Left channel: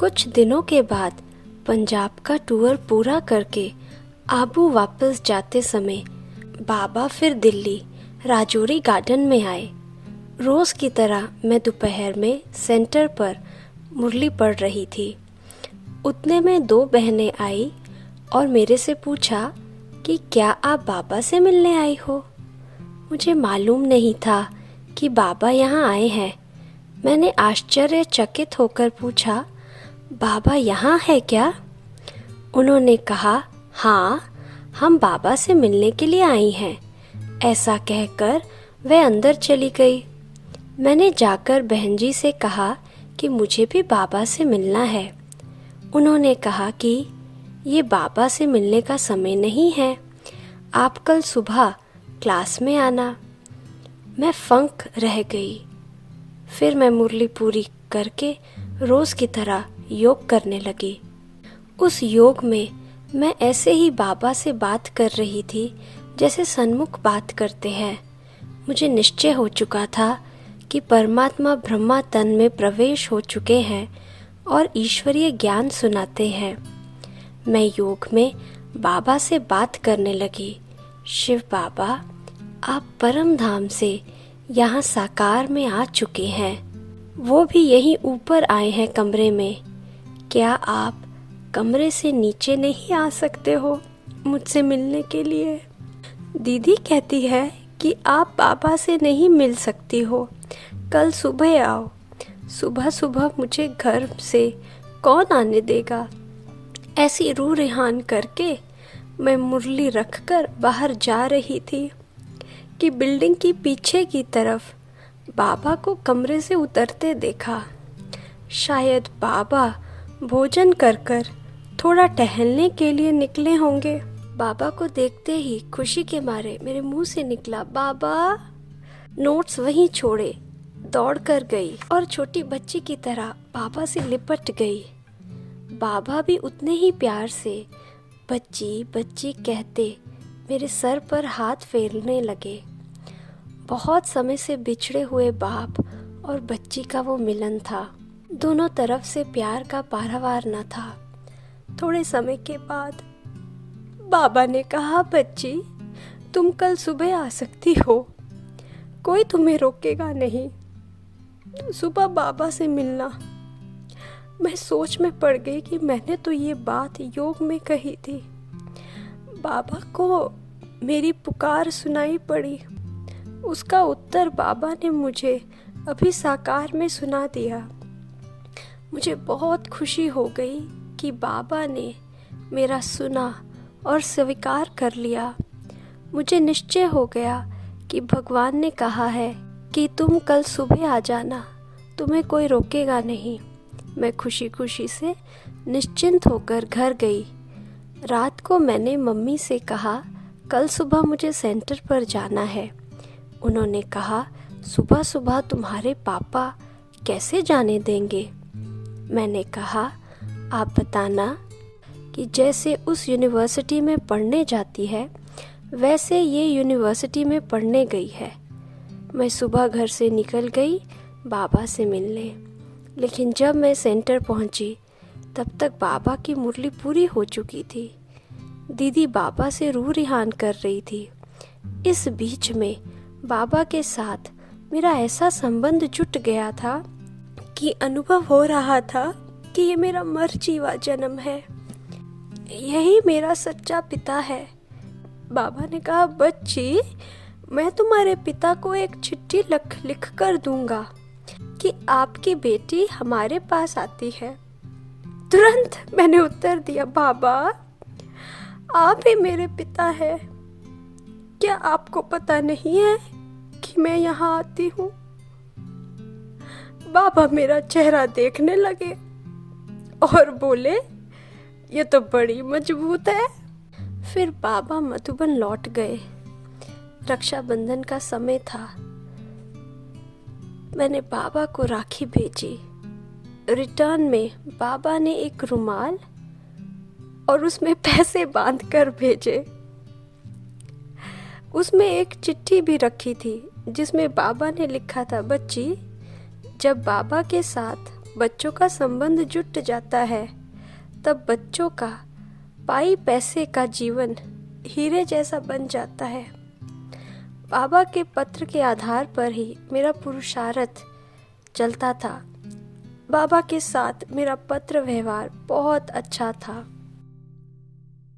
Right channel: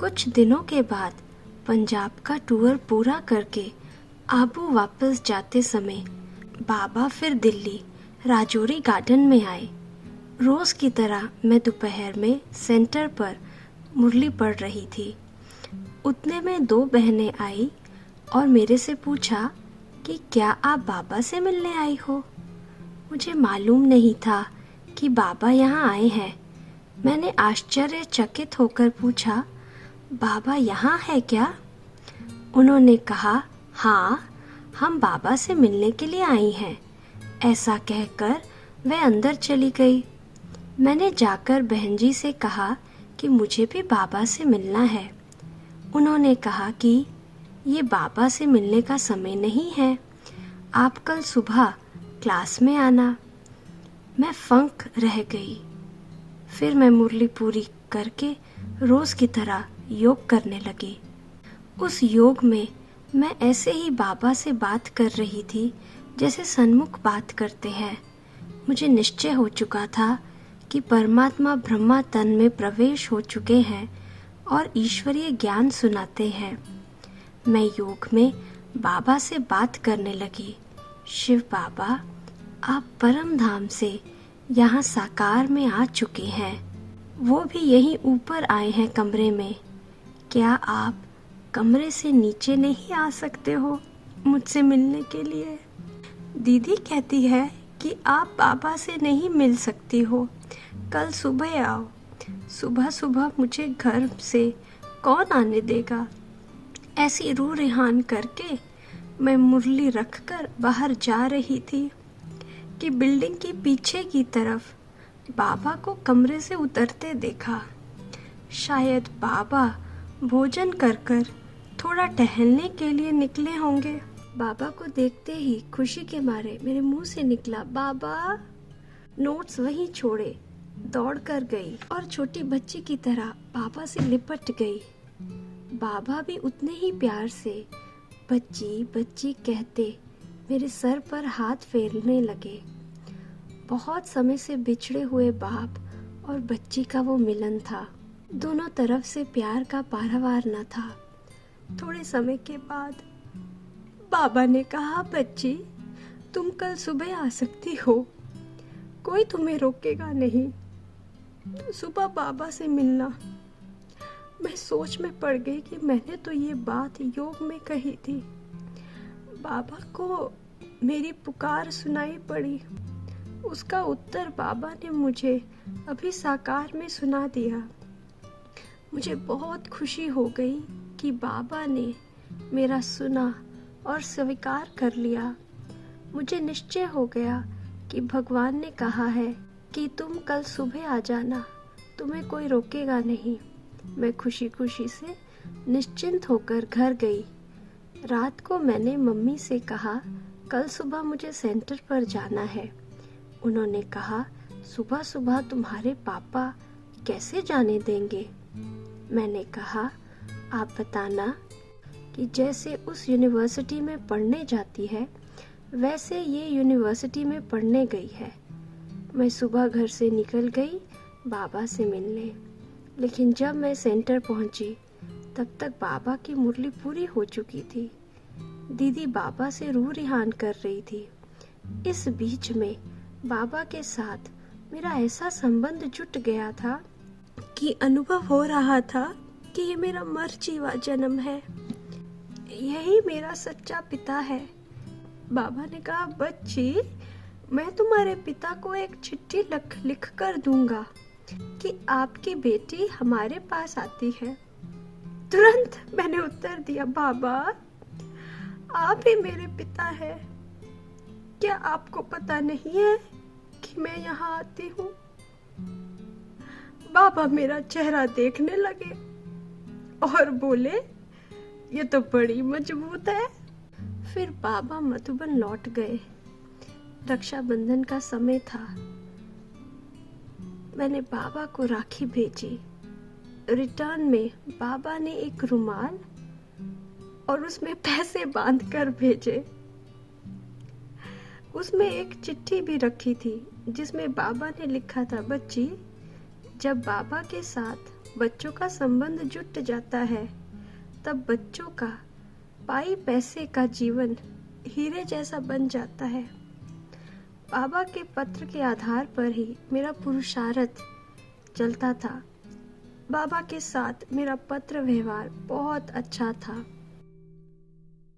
कुछ दिनों के बाद पंजाब का टूर पूरा करके आबू वापस जाते समय बाबा फिर दिल्ली राजौरी गार्डन में आए। रोज की तरह मैं दोपहर में सेंटर पर मुरली पढ़ रही थी। उतने में दो बहनें आई और मेरे से पूछा कि क्या आप बाबा से मिलने आई हो। मुझे मालूम नहीं था कि बाबा यहाँ आए हैं। मैंने आश्चर्यचकित होकर पूछा, बाबा यहाँ है क्या? उन्होंने कहा, हाँ, हम बाबा से मिलने के लिए आई हैं। ऐसा कहकर वह अंदर चली गई। मैंने जाकर बहन जी से कहा कि मुझे भी बाबा से मिलना है। उन्होंने कहा कि ये बाबा से मिलने का समय नहीं है, आप कल सुबह क्लास में आना। मैं फंक रह गई। फिर मैं मुरली पूरी करके रोज की तरह योग करने लगी। उस योग में मैं ऐसे ही बाबा से बात कर रही थी जैसे सन्मुख बात करते हैं। मुझे निश्चय हो चुका था कि परमात्मा ब्रह्मा तन में प्रवेश हो चुके हैं और ईश्वरीय ज्ञान सुनाते हैं। मैं योग में बाबा से बात करने लगी, शिव बाबा, आप परम धाम से यहाँ साकार में आ चुके हैं, वो भी यहीं ऊपर आए हैं कमरे में। क्या आप कमरे से नीचे नहीं आ सकते हो मुझसे मिलने के लिए? दीदी कहती है कि आप बाबा से नहीं मिल सकती हो, कल सुबह आओ। सुबह सुबह मुझे घर से कौन आने देगा? ऐसी रूह रेहान करके मैं मुरली रखकर बाहर जा रही थी कि बिल्डिंग की पीछे की तरफ बाबा को कमरे से उतरते देखा। शायद बाबा भोजन कर कर थोड़ा टहलने के लिए निकले होंगे। बाबा को देखते ही खुशी के मारे मेरे मुंह से निकला, बाबा। नोट्स वहीं छोड़े दौड़ कर गई और छोटी बच्ची की तरह बाबा से लिपट गई। बाबा भी उतने ही प्यार से बच्ची बच्ची कहते मेरे सर पर हाथ फेरने लगे। बहुत समय से बिछड़े हुए बाप और बच्ची का वो मिलन था। दोनों तरफ से प्यार का पारावार न था। थोड़े समय के बाद बाबा ने कहा, बच्ची, तुम कल सुबह आ सकती हो, कोई तुम्हें रोकेगा नहीं, तो सुबह बाबा से मिलना। मैं सोच में पड़ गई कि मैंने तो ये बात योग में कही थी। बाबा को मेरी पुकार सुनाई पड़ी। उसका उत्तर बाबा ने मुझे अभी साकार में सुना दिया। मुझे बहुत खुशी हो गई कि बाबा ने मेरा सुना और स्वीकार कर लिया। मुझे निश्चय हो गया कि भगवान ने कहा है कि तुम कल सुबह आ जाना, तुम्हें कोई रोकेगा नहीं। मैं खुशी खुशी से निश्चिंत होकर घर गई। रात को मैंने मम्मी से कहा, कल सुबह मुझे सेंटर पर जाना है। उन्होंने कहा, सुबह सुबह तुम्हारे पापा कैसे जाने देंगे? मैंने कहा, आप बताना कि जैसे उस यूनिवर्सिटी में पढ़ने जाती है वैसे ये यूनिवर्सिटी में पढ़ने गई है। मैं सुबह घर से निकल गई बाबा से मिलने, लेकिन जब मैं सेंटर पहुंची तब तक बाबा की मुरली पूरी हो चुकी थी। दीदी बाबा से रूह रिहान कर रही थी। इस बीच में बाबा के साथ मेरा ऐसा संबंध जुट गया था कि अनुभव हो रहा था कि ये मेरा मरजीवा जन्म है, यही मेरा सच्चा पिता है। बाबा ने कहा, बच्ची, मैं तुम्हारे पिता को एक चिट्ठी लिख कर दूंगा कि आपकी बेटी हमारे पास आती है। तुरंत मैंने उत्तर दिया, बाबा, आप ही मेरे पिता हैं। क्या आपको पता नहीं है कि मैं यहाँ आती हूँ? बाबा मेरा चेहरा देखने लगे और बोले, ये तो बड़ी मजबूत है। फिर बाबा मधुबन लौट गए। रक्षाबंधन का समय था। मैंने बाबा को राखी भेजी। रिटर्न में बाबा ने एक रुमाल और उसमें पैसे बांधकर भेजे। उसमें एक चिट्ठी भी रखी थी जिसमें बाबा ने लिखा था, बच्ची, जब बाबा के साथ बच्चों का संबंध जुट जाता है, तब बच्चों का पाई पैसे का जीवन हीरे जैसा बन जाता है। बाबा के पत्र के आधार पर ही मेरा पुरुषार्थ चलता था। बाबा के साथ मेरा पत्र व्यवहार बहुत अच्छा था।